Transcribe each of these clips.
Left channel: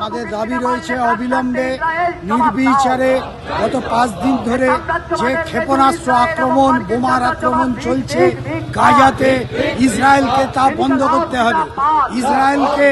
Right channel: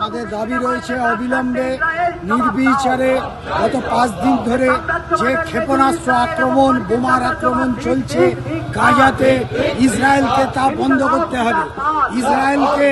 আমাদের দাবি রয়েছে অবিলম্বে নির্বিচারে গত পাঁচ দিন ধরে যে ক্ষেপণাস্ত্র আক্রমণ, বোমার আক্রমণ চলছে গাজাতে, ইসরায়েলকে তা বন্ধ করতে হবে। ইসরায়েলকে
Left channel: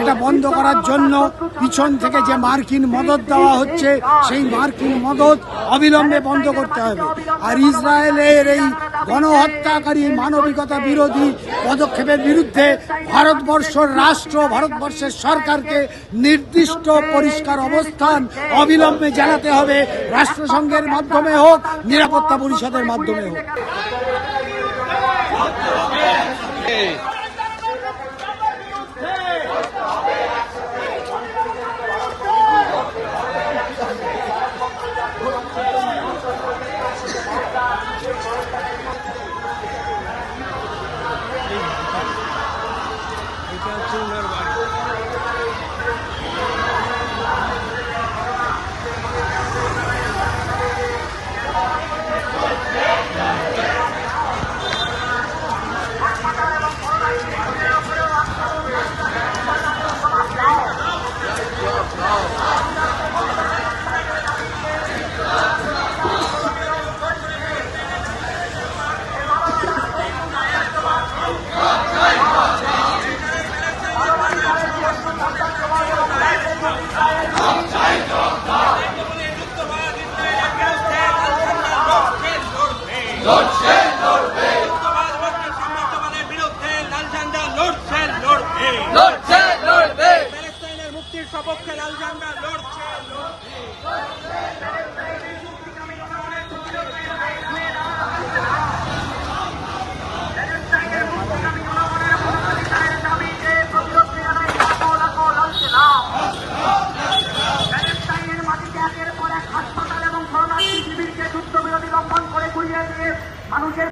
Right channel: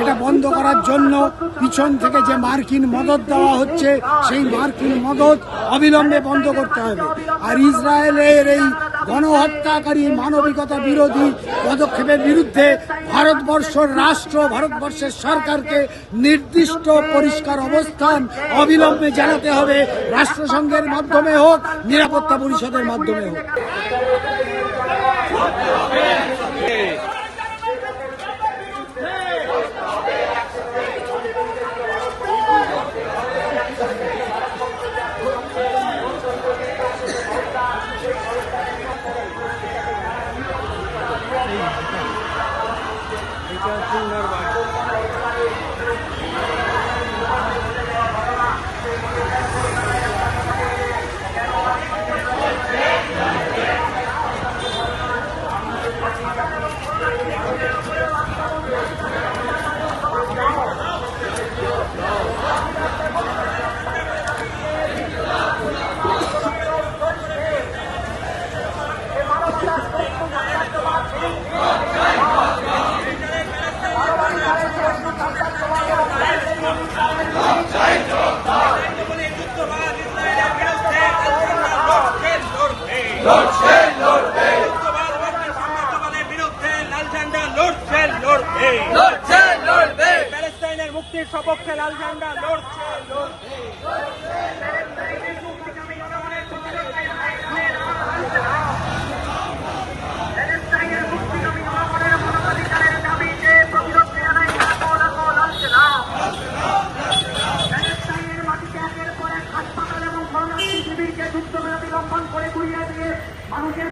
এটা বন্ধ করার জন্য পিছন থেকে যে মার্কিন মদত দেওয়া হচ্ছে, সেই মার্কিন মদত অবিলম্বে বন্ধ করতে হবে। আর ইসরায়েলের এই গণহত্যাকারী মানবিকতা বিরোধী পদক্ষেপের বিরুদ্ধে ভারতবর্ষের রাষ্ট্র, ভারতবর্ষের সরকারকে নির্দিষ্ট পরিষ্কার অবস্থান অবিলম্বে জানাতে হবে। রাষ্ট্রসংঘের মাধ্যমে হোক, নিরাপত্তা পরিষদের মাধ্যমে হোক। বর্তমানে যুদ্ধবাজ ইসরায়েলের বিরুদ্ধে লড়ছে লড়বে যুদ্ধবাজ বর্তমানে সাম্রাজ্যবাদের বিরুদ্ধে লাল ঝান্ডা লড়ছে লড়বে লড়ছে লড়বে প্যালেস্টাইনের মুক্তির সপক্ষে লাল ঝান্ডা লড়ছে লড়বে। ঘুরিয়ে দিয়ে মানুষের